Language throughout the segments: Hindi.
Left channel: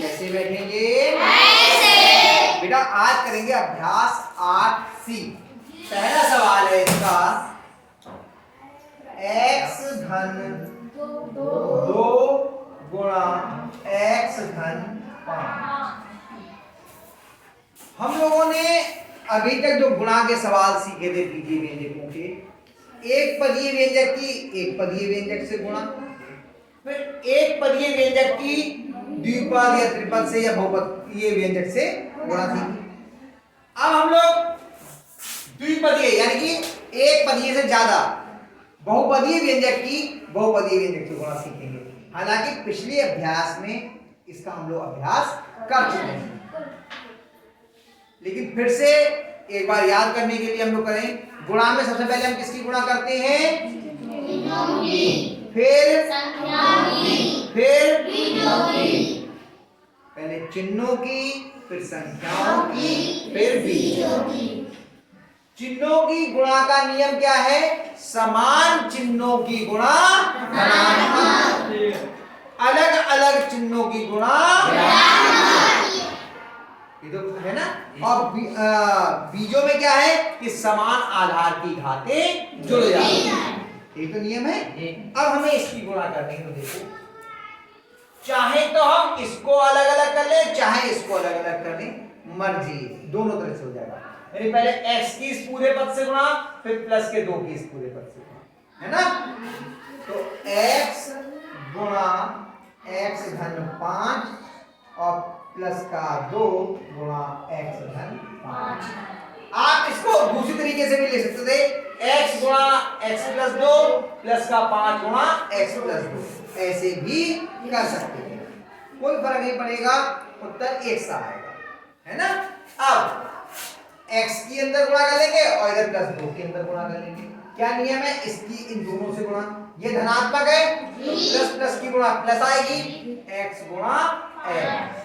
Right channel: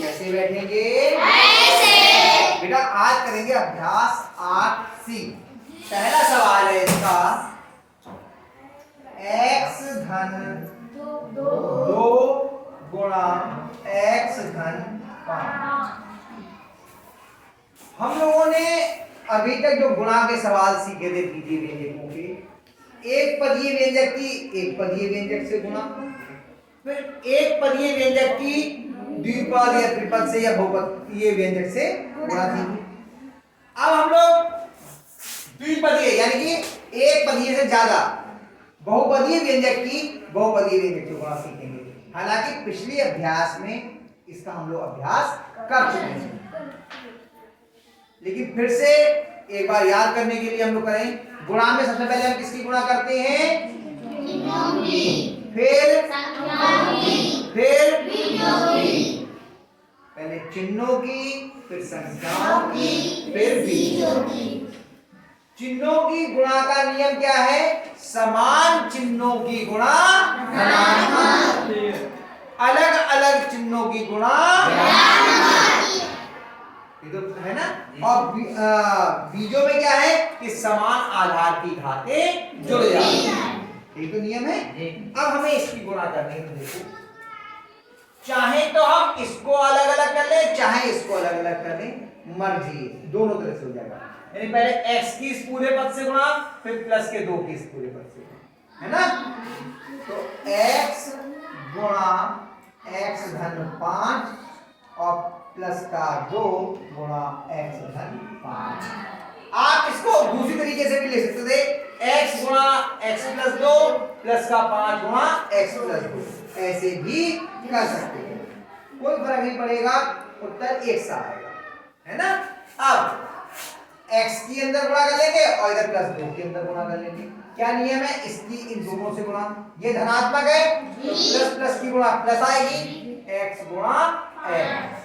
कैसे बैठेंगे? ऐसे। बेटा आज करेंगे अभ्यास 8C। पहला सवाल है इसका, x धन 2 गुणा x धन 5। हम लोगों ने अभी तक जो गुणा के सवाल सीखे थे पीछे व्यंजकों के, एक पदीय व्यंजक की एक पदीय व्यंजक से गुणा, फिर एक पदीय व्यंजक की द्विपद या त्रिपद से या बहुपदीय व्यंजक से गुणा सीखे। अब हम लोग द्विपदीय यानी कि एक पदीय से ज्यादा बहुपदीय व्यंजक की बहुपदीय व्यंजक से गुणा सीखेंगे। हालांकि पिछले अभ्यास में इसका हम लोग अभ्यास कर चुके हैं, लेकिन फिर से एक बार याद करने के लिए हम लोग करें। गुणा में सबसे पहले हम किसकी गुणा करते हैं? फिर पहले चिन्हों की, फिर संख्याओं की, फिर बीजों की। चिन्हों की गुणा का नियम क्या है? समान चिन्हों की गुणा धनात्मक, अलग अलग चिन्हों की गुणा, ये तो है ना। और बीजों में क्या है कि समान आधार की घातें जुड़ जाती हैं, ये तो नियम है। अब हमें इसकी गुणा करनी है। देखो, चाहे तो हम इसको अलग अलग कर ले, चाहे इसको अलग अलग कर ले, मर्जी, दोनों तरह से हो जाएगा। यानी पहले x की इस पूरे पद से गुणा, फिर प्लस के 2 की इस पूरे पद से गुणा, है ना। तो x गुणा x धन 5 और प्लस का 2 गुणा x धन 5। आप इसको दूसरी तरीके से भी ले सकते थे, x गुणा x प्लस 2 प्लस का 5 गुणा x प्लस 2, ऐसे भी कर सकते हैं, कोई फर्क नहीं पड़ेगा, उत्तर एक सा आएगा, है ना। अब x की अंदर गुणा कर लेंगे और इधर प्लस 2 के अंदर गुणा कर लेंगे। क्या नियम है? इसकी इन दोनों से गुणा, ये धनात्मक है तो प्लस प्लस की गुणा प्लस आएगी, x गुणा x।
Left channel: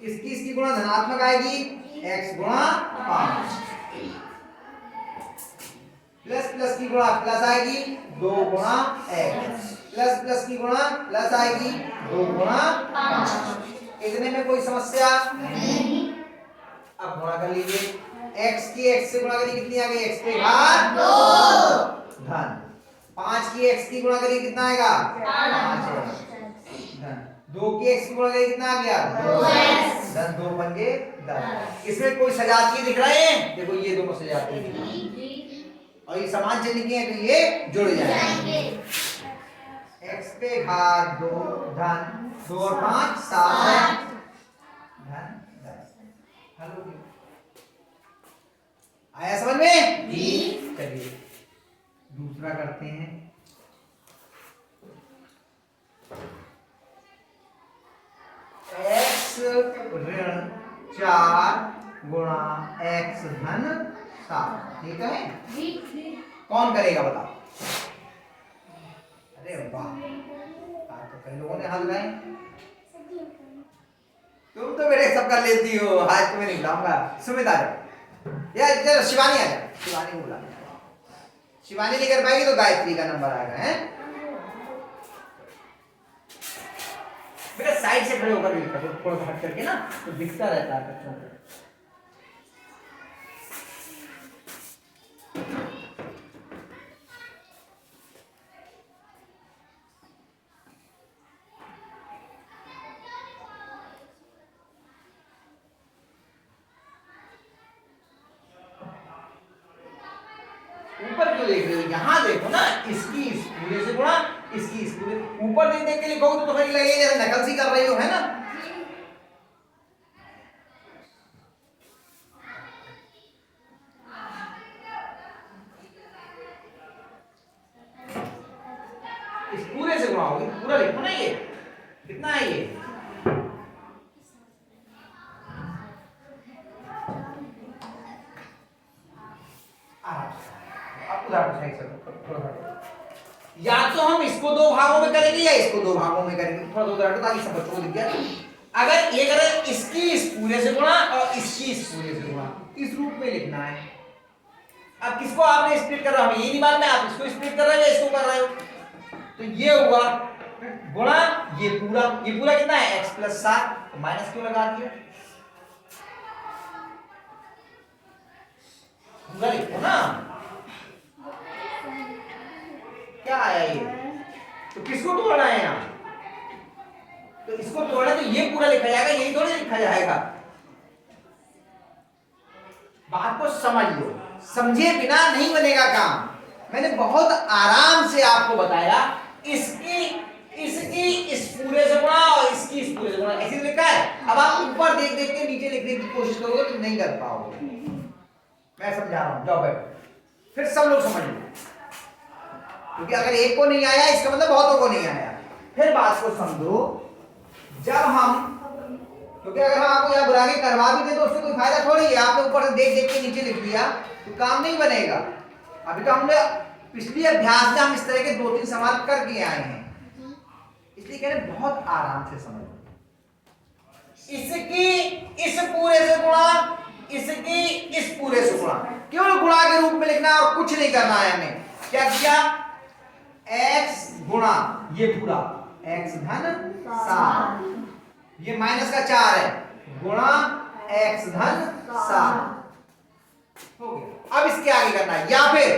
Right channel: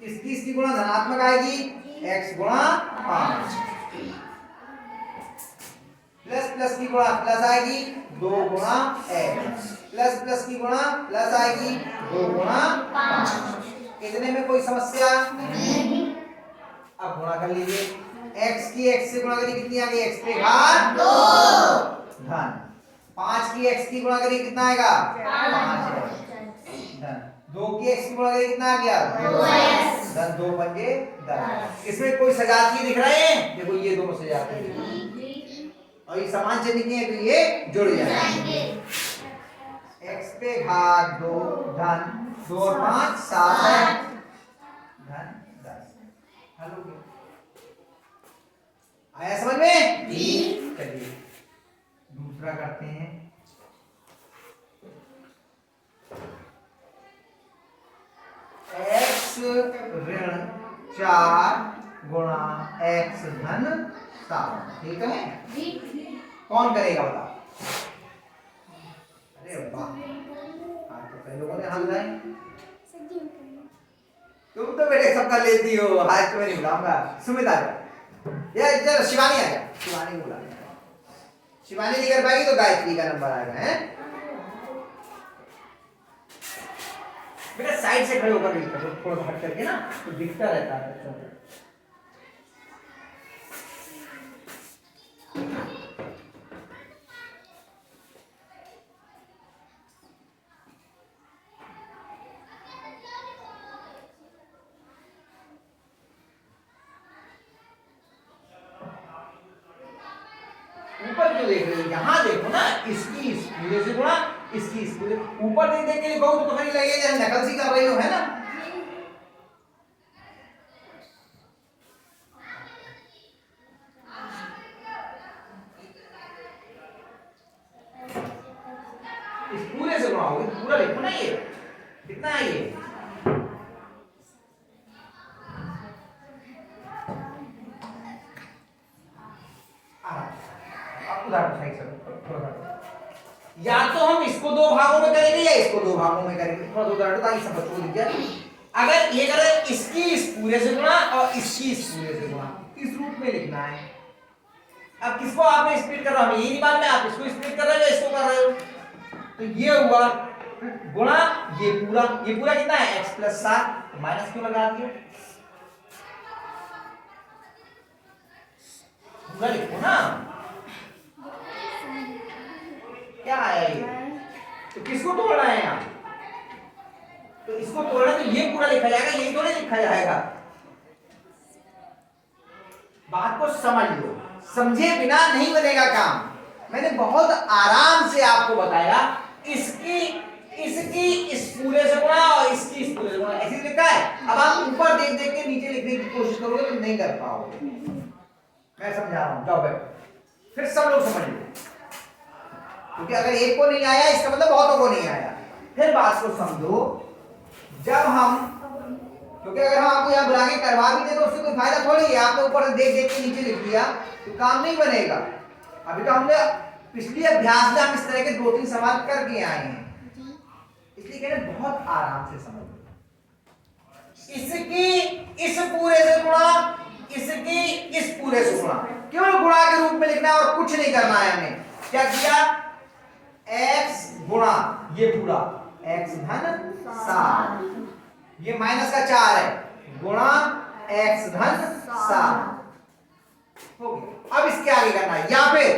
इसकी गुणा धनात्मक आएगी, x गुणा 5। प्लस प्लस की गुणा प्लस आएगी, 2 गुणा x। प्लस प्लस की गुणा प्लस आएगी, 2 गुणा 5। इतने में कोई समस्या नहीं। अब गुणा कर लीजिए, x की x से गुणा करिए, कितनी आ गई? x पे घात 2 धन 5 की x की गुणा करिए, कितना आएगा? 5 धन 2 की x की गुणा करिए, कितना आ गया? 2x धन 2 पंजे 10। इसमें कोई सजातीय दिख रहे हैं? देखो ये दोनों सजातीय दिख रहे हैं और ये समान चिन्ह के हैं तो ये जुड़ जाएंगे। x पे घात 2 धन 2 और 5 7 है धन 10। हेलो, आया समझ में? चलिए दूसरा करते हैं। x ऋण 4 गुणा x धन 7, ठीक है? कौन करेगा बताओ? अरे वाह, आज तो कई लोगों ने हल लाए। तुम तो बेटे सब कर लेती हो, आज तुम्हें नहीं बुलाऊंगा। सुमित आ जाओ, या इधर शिवानी आ जाओ, शिवानी को बुला। शिवानी नहीं कर पाएगी तो गायत्री का नंबर आएगा, है? बेटा साइड से खड़े होकर लिखा तो थोड़ा हट करके ना, तो दिखता रहता है। ऊपर क्यों देख रहे हो? यहाँ देखो ना, इसकी इस पूरे से गुणा, इसकी इस पूरे। ऊपर देख देख के लिखोगे तो तुम्हें लगेगा नकल सी कर रही हो, है ना। इस पूरे से गुणा होगी, पूरा लिखो ना। ये कितना है? ये या तो हम इसको 2 भागों में करेंगे या इसको 2 भागों में करेंगे, थोड़ा उदाहरण ताकि सब बच्चों को दिख जाए। अगर ये करें इसकी इस पूरे से गुणा और इसकी इस पूरे से गुणा, इस रूप में लिखना है। अब किसको आपने स्प्लिट कर रहा हूं, ये नहीं मालूम है आप इसको स्प्लिट कर रहे हो या इसको कर रहे हो। तो ये हुआ गुणा ये पूरा कितना है x प्लस 7, माइनस क्यों लगा दिए, पूरा लिखो ना, क्या आया ये, तो किसको तोड़ना है यहाँ, तो इसको तोड़ना तो ये पूरा लिखा जाएगा, यही थोड़ी लिखा जाएगा। बात को समझ लो, समझे बिना नहीं बनेगा काम। मैंने बहुत आराम से आपको बताया, इसकी इस पूरे से गुणा और इसकी इस पूरे से गुणा, ऐसे लिखा है। अब आप ऊपर देख देख के नीचे लिखने की कोशिश करोगे तो नहीं कर पाओगे। मैं समझा रहा हूं, जाओ बैठो, फिर सब लोग समझ लो, क्योंकि अगर एक को नहीं आया इसका मतलब बहुतों को नहीं आया। फिर बात को समझो, जब हम, क्योंकि अगर हम आपको यहाँ बुला के करवा भी दे तो उससे कोई फायदा थोड़ी है, आपने ऊपर से देख देख के नीचे लिख दिया तो काम नहीं बनेगा। अभी तो हमने पिछले अभ्यास में हम इस तरह के 2-3 सवाल करके आए हैं, इसलिए कह रहे बहुत आराम से समझो। इसकी इस पूरे से गुणा, इसकी इस पूरे से गुणा, केवल गुणा के रूप में लिखना है और कुछ नहीं करना है हमें। क्या किया, x गुणा ये पूरा x धन 7, ये माइनस का 4 है, गुणा x धन 7 हो गया। अब इसके आगे करना है, या फिर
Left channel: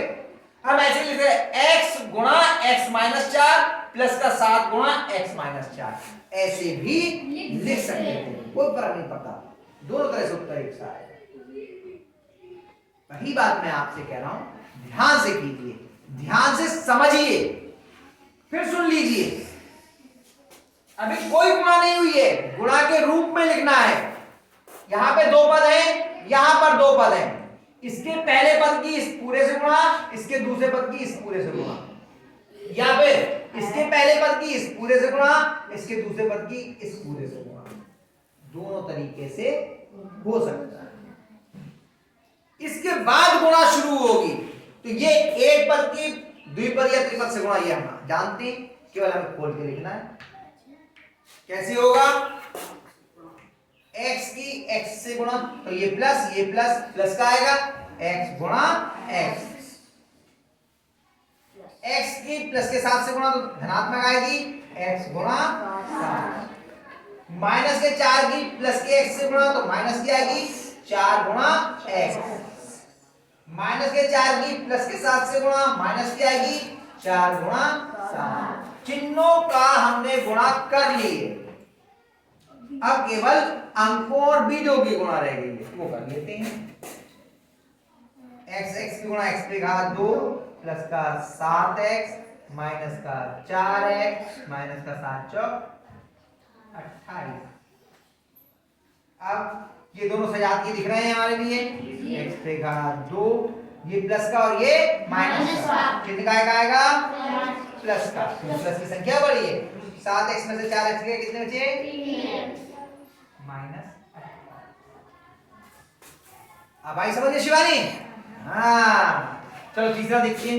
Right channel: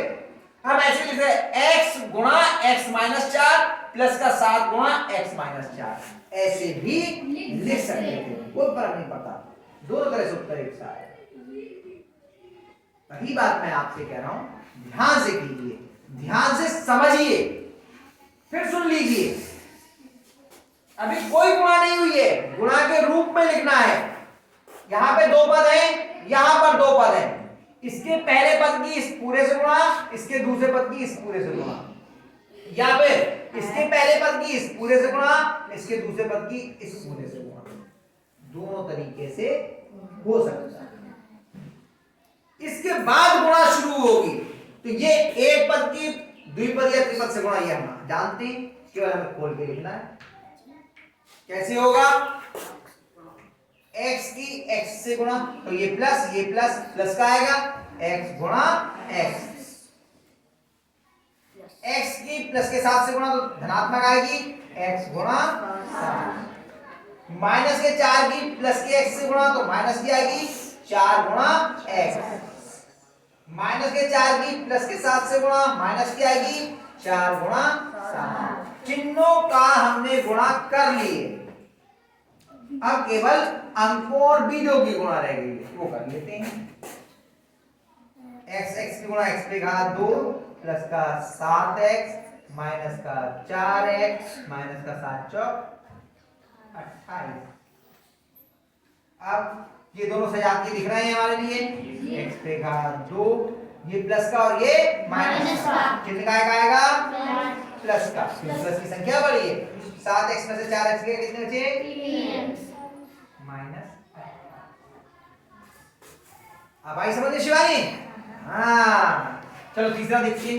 हम ऐसे लिख रहे हैं x गुणा x माइनस 4 प्लस का 7 गुणा x माइनस 4, ऐसे भी लिख सकते हैं, कोई फर्क नहीं पड़ता, दोनों तरह से उत्तर एक सा है। वही बात मैं आपसे कह रहा हूं, ध्यान से कीजिए, ध्यान से समझिए, फिर सुन लीजिए। अभी कोई गुणा नहीं हुई है, गुणा के रूप में लिखना है। यहां पे 2 पद है, यहां पर 2 पद है, इसके पहले पद की इस पूरे से गुणा, इसके दूसरे पद की इस पूरे से गुणा, या फिर इसके पहले पद की इस पूरे से गुणा, इसके दूसरे पद की इस पूरे से गुणा, दोनों तरीके से हो सकता है। इसके बाद गुणा शुरू होगी, तो ये एक पद की द्विपद या त्रिपद से गुणा, ये हम जानते हैं, केवल हमें खोल के लिखना है। कैसे होगा, x की x से गुणा, तो ये प्लस प्लस का आएगा, x गुणा x, x की प्लस के 7 से गुणा तो धनात्मक आएगी, x गुणा 7, माइनस के 4 की प्लस के x से गुणा तो माइनस की आएगी, 4 गुणा x, माइनस के 4 की प्लस के 7 से गुणा माइनस की आएगी, 4 गुणा 7। चिन्हों का हमने गुणा कर लिए, अब केवल अंकों और बीजों की गुणा रह गई, वो कर लेते हैं। x की गुणा x पे घात 2 प्लस का 7x माइनस का 4x माइनस का 7 चौक 28। अब ये दोनों सजात के दिख रहे हैं हमारे लिए, x पे घात 2, ये प्लस का और ये माइनस का, कितना का आएगा प्लस का, प्लस की संख्या बड़ी है, 7x में से 4x गए, कितने बचे माइनस। अब आई समझिए शिवानी, हाँ चलो तीसरा देखिए,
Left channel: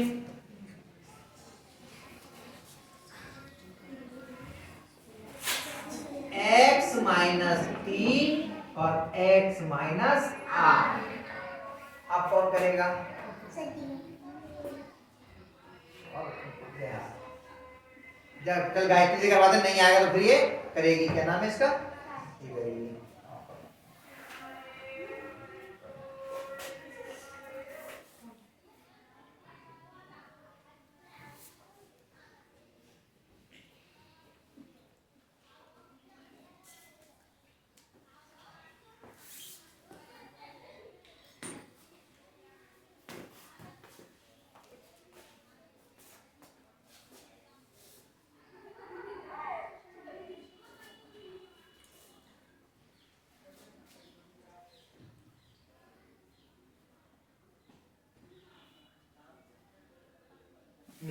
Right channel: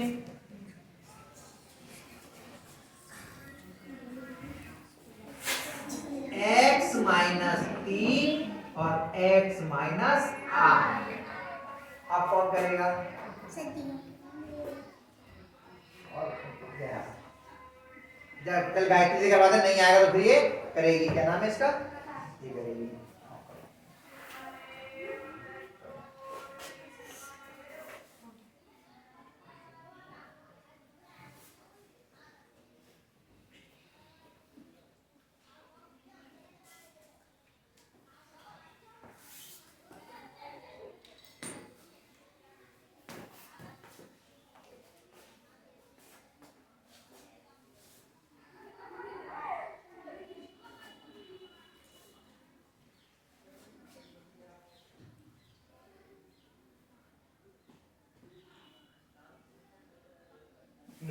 x माइनस 3 और x माइनस 8, अब कौन करेगा, जब कल गायत्री जी करवाते नहीं आएगा तो फिर ये करेगी, क्या नाम है इसका, ये करेगी।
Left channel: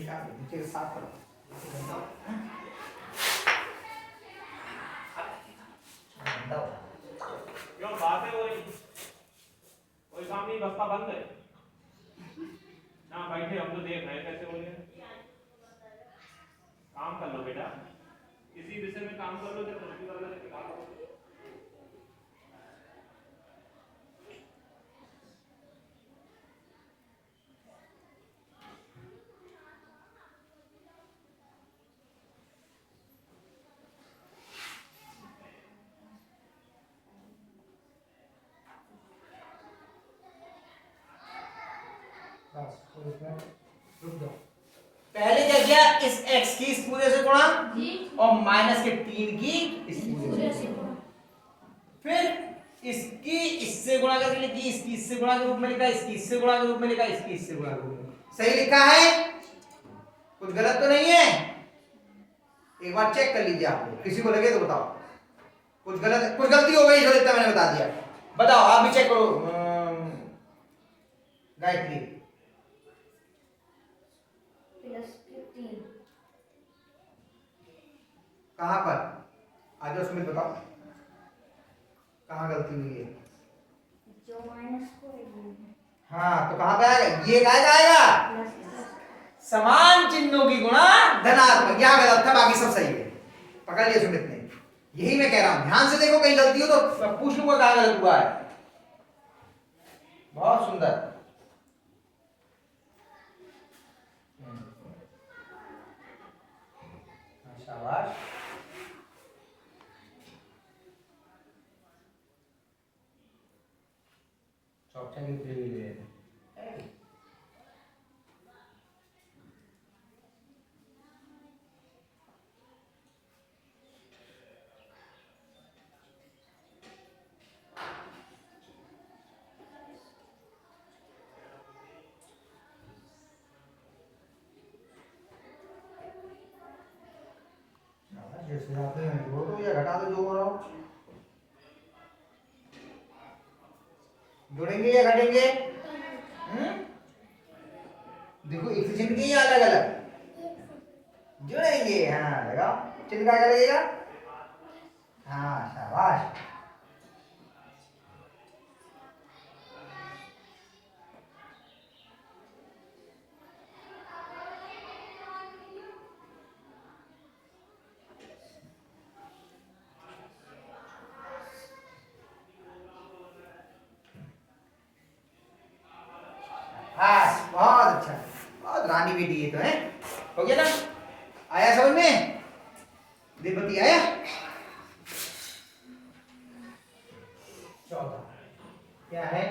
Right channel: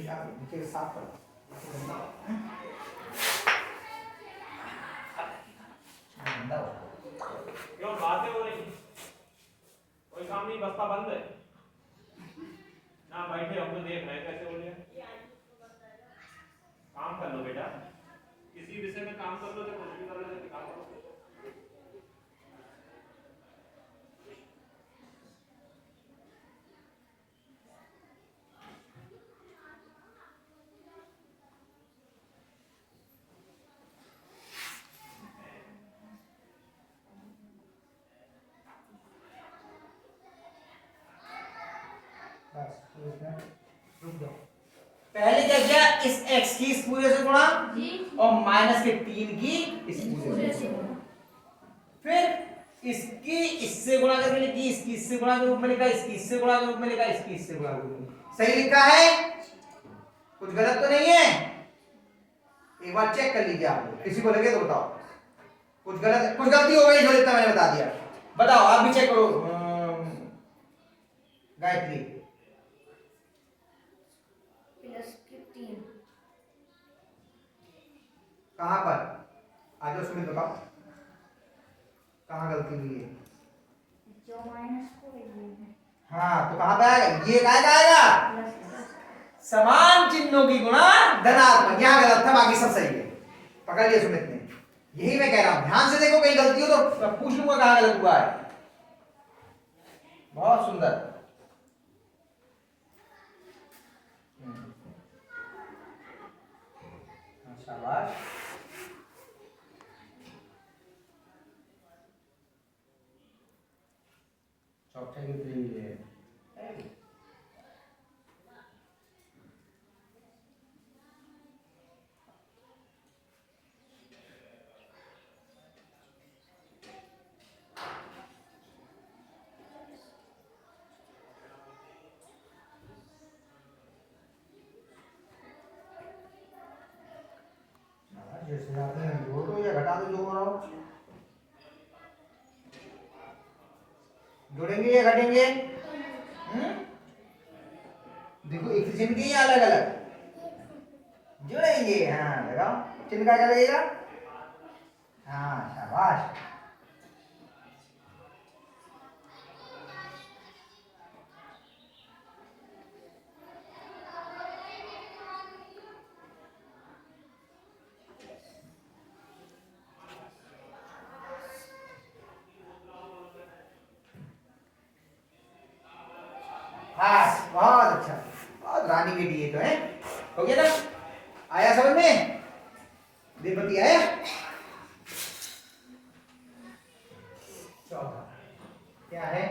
नीचे साफ करो, क्यों बातें हो रही, कोई काम नहीं, बस्ता बंद है ना, बैठे हम तो देख रहे हैं कैसे हो गया। काम कर लो बेटा, किसी विषय में काम कर लो, तो कुछ भी कर लो, काम करो। रुक जाओ। पहले क्या किया, इस x की इस पूरे से गुणा और माइनस के 3 की इस पूरे से गुणा, फिर इसकी इससे गुणा करके लिखी, इसकी इससे गुणा के रूप में लिखा, इसकी इससे गुणा के रूप में लिखा, इसकी इससे गुणा के रूप में। सही लिखा है, कुछ गलत तो नहीं है? एक बार चेक कर लीजिए आप लोग, किसी को लगे तो बताओ कुछ गलत, कुछ गलती हो गई जो इतना मैंने बता दिया। बताओ आप भी चेक करो। गायत्री कहां पर आज उसमें बताओ कहां गलती हुई है? जो माइनस को हाँ तो कहां पे आएगा, ये कहां आएगा? समान चिन्हों की गुणा धनात्मक, यहां गलत था, बाकी सब सही है। पकड़ लिया सुमित ने, यही मैं कह रहा हूं, ध्यान से देखो, कहीं गलती हो तो पूछ लूंगा कहां गलत हुआ है। बहुत सुंदर। शाबाश। चौथा की थ्री ले जैसे जाते हैं जोड़ दो या घटा दो, जो करो। जोड़ेंगे या घटेंगे? देखो एक चिन्ह की या अलग अलग जोड़ेंगे। हाँ लगाओ, चिन्ह क्या लगेगा? हाँ शाबाश। हाँ बहुत अच्छा, बहुत रानी बेटी ये तो है। हो गया ना, आया समझ में? देवपति आया। 14 क्या है?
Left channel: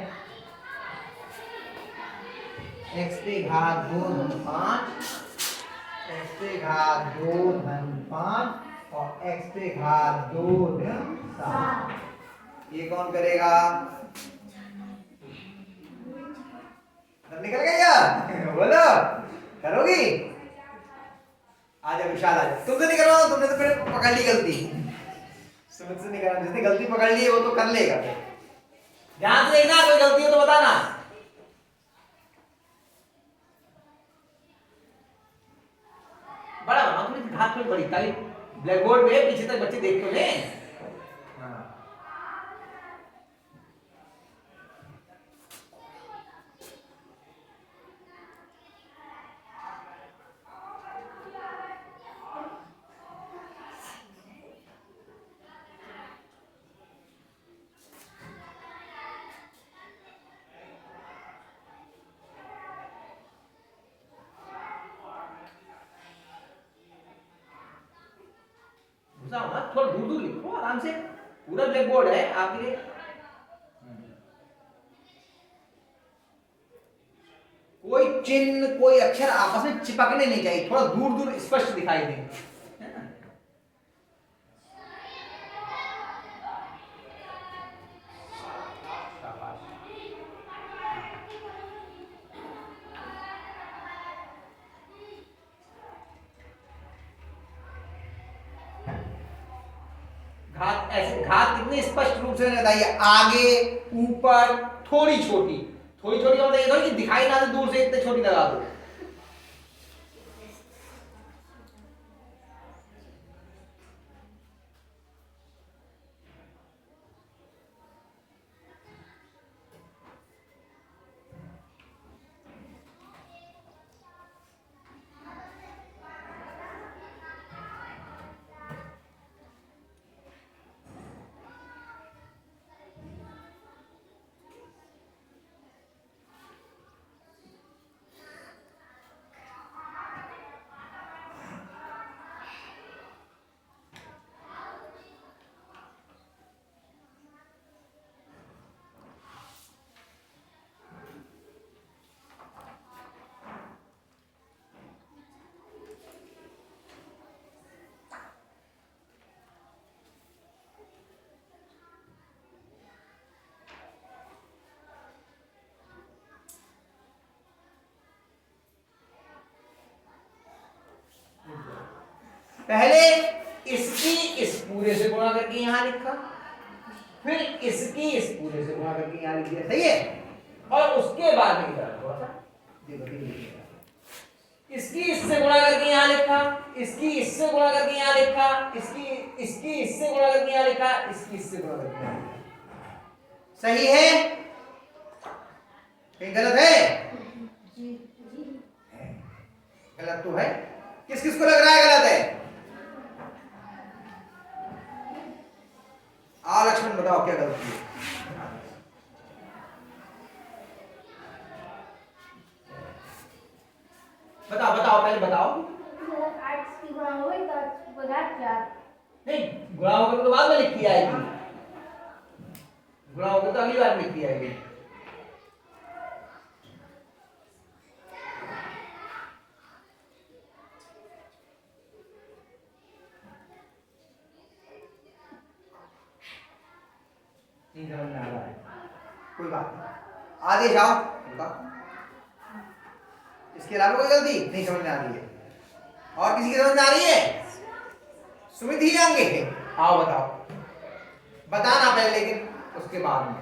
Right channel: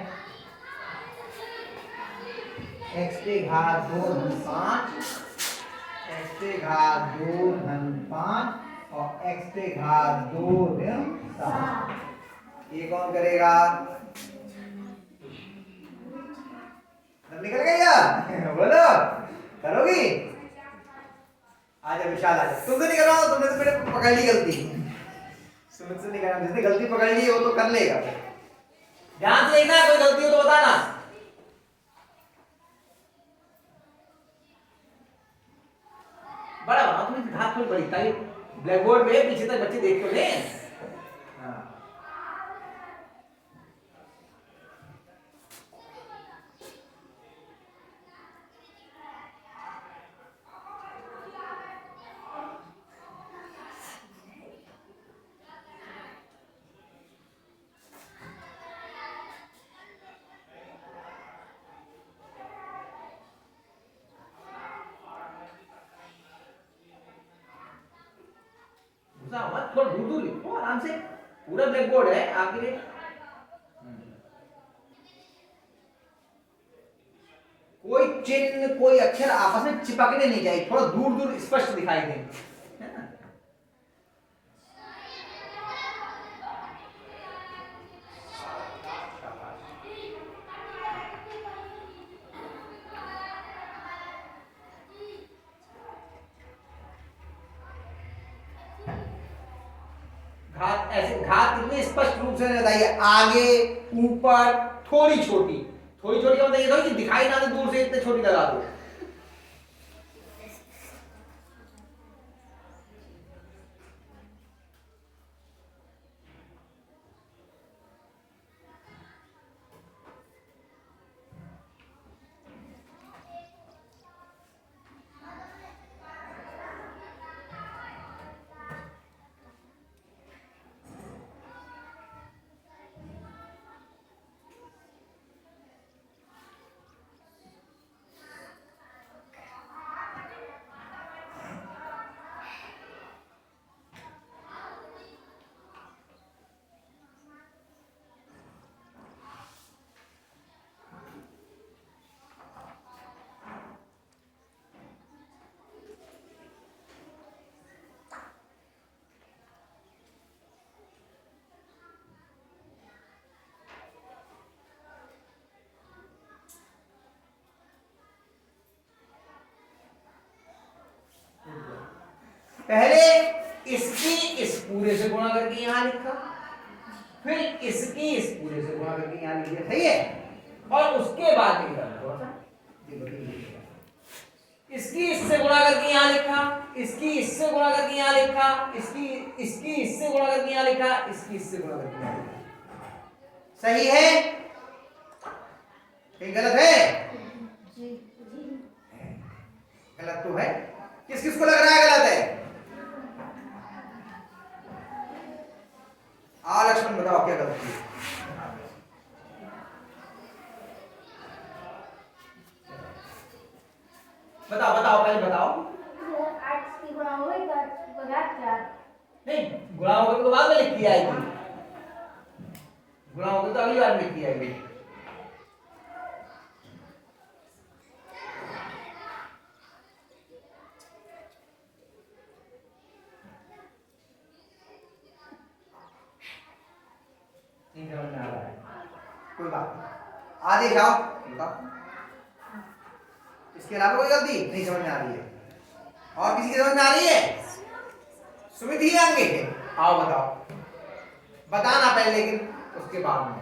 x पे घात 2 धन 5, x पे घात 2 धन 5 और x पे घात 2 ऋण 7। ये कौन करेगा? निकल गया बोलो, करोगी? आजा विशाल आजा, तुमसे नहीं कर रहा हूं, तुमने तो मैंने पकड़ ली गलती, सुमित से नहीं कर रहा, जिसने गलती पकड़ ली है वो तो कर लेगा। ध्यान से देखना, कोई गलती हो तो बताना। बड़ा बना थोड़ी, घात थोड़ी बड़ी, ताकि ब्लैक बोर्ड पे पीछे तक बच्चे देख तो ले। हाँ मत, थोड़ा दूर दूर लिखो आराम से, पूरा ब्लैक बोर्ड है आपके लिए। कोई चिन्ह कोई अक्षर आपस में चिपकने नहीं चाहिए, थोड़ा दूर दूर स्पष्ट दिखाई दें, है ना? घात ऐसे, घात कितने स्पष्ट रूप से बताइए, आगे ऊपर थोड़ी छोटी, थोड़ी छोटी मतलब ये थोड़ी कि दिखाई ना दे दूर से, इतने छोटी लगा दो। पहले इसकी इस पूरे से गुणा करके यहां लिखा, फिर इसकी इस पूरे से गुणा करके यहां लिख दिया, सही है। और उसके बाद में थोड़ा सा इसकी इससे गुणा करके यहां लिखा, इसकी इससे गुणा करके यहां लिखा, इसकी इससे गुणा करके यहां लिखा, इसकी इससे गुणा करके यहां लिखा। सही है? कहीं गलत है? गलत तो है। किस किस को लग रहा है गलत है? आओ लक्ष्मण बताओ क्या गलत है? बताओ बताओ, पहले बताओ। 8 की गुणा हुई तो 4 नहीं, गुणा होकर तो बाद में लिखी आएगी, गुणा होकर तो अगली बार में लिखी आएगी। नहीं समझ में आ रहा है, कोई बात नहीं, आगे जाओ। इसके अलावा कोई गलती नहीं समझ में आ रही है? और किसी की समझ में आ रही है? सुमित ही आएंगे? आओ बताओ, बताना पहले लेकिन उसके बाद में।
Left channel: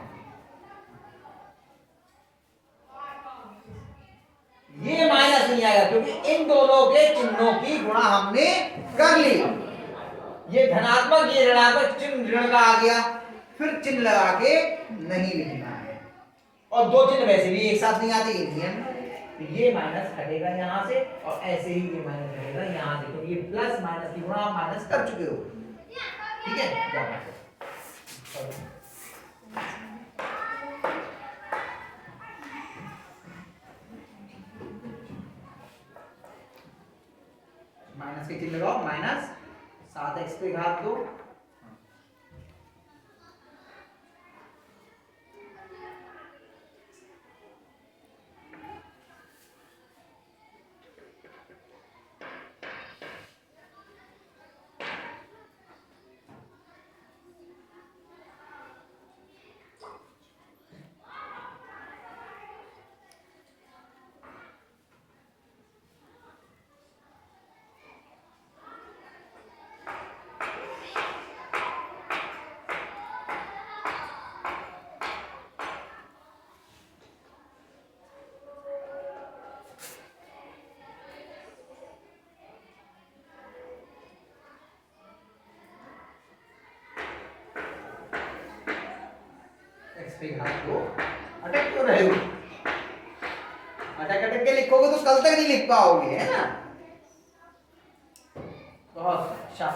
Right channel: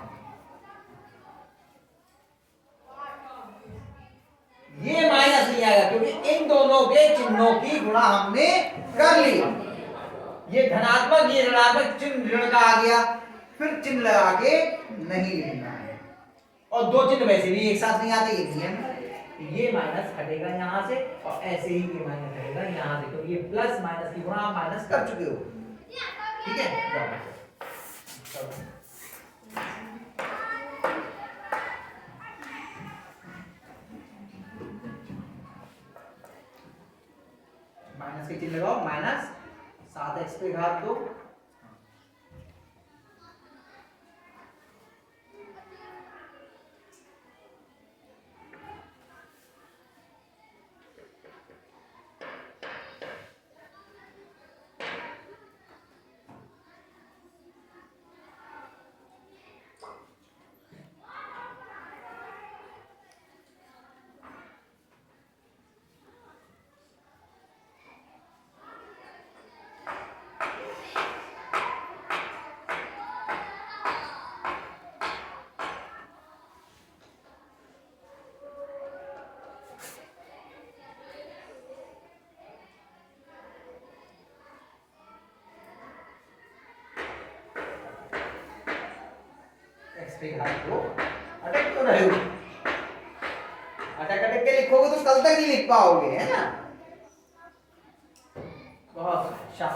ये माइनस नहीं आएगा क्योंकि इन दोनों के चिन्हों की गुणा हमने कर ली। ये धनात्मक ये ऋणात्मक चिन्ह ऋण का आ गया, फिर चिन्ह लगा के नहीं लिखना है। और दो चिन्ह वैसे भी एक साथ नहीं आते, ये नियम। तो ये माइनस हटेगा यहाँ से और ऐसे ही ये माइनस हटेगा यहाँ से, तो ये प्लस माइनस की गुणा आप माइनस कर चुके हो, ठीक है। जाओ माइनस के चिन्ह लगाओ, माइनस 7x पे घात 2 पे घात 2 अटक तो रहे हो, अटक अटक के लिखोगे तो कल तक नहीं लिख पाओगे, है ना। बहुत अच्छा,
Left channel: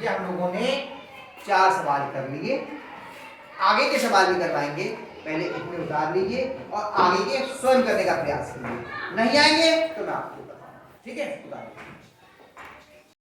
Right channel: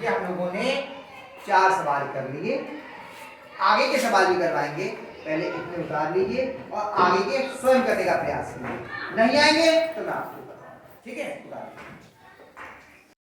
ये हम लोगों ने 4 सवाल कर लिए। आगे के सवाल भी करवाएंगे, पहले इतने उतार लीजिए और आगे के स्वयं करने का प्रयास कीजिए। नहीं आएंगे तो मैं आपको बताऊंगा, ठीक है।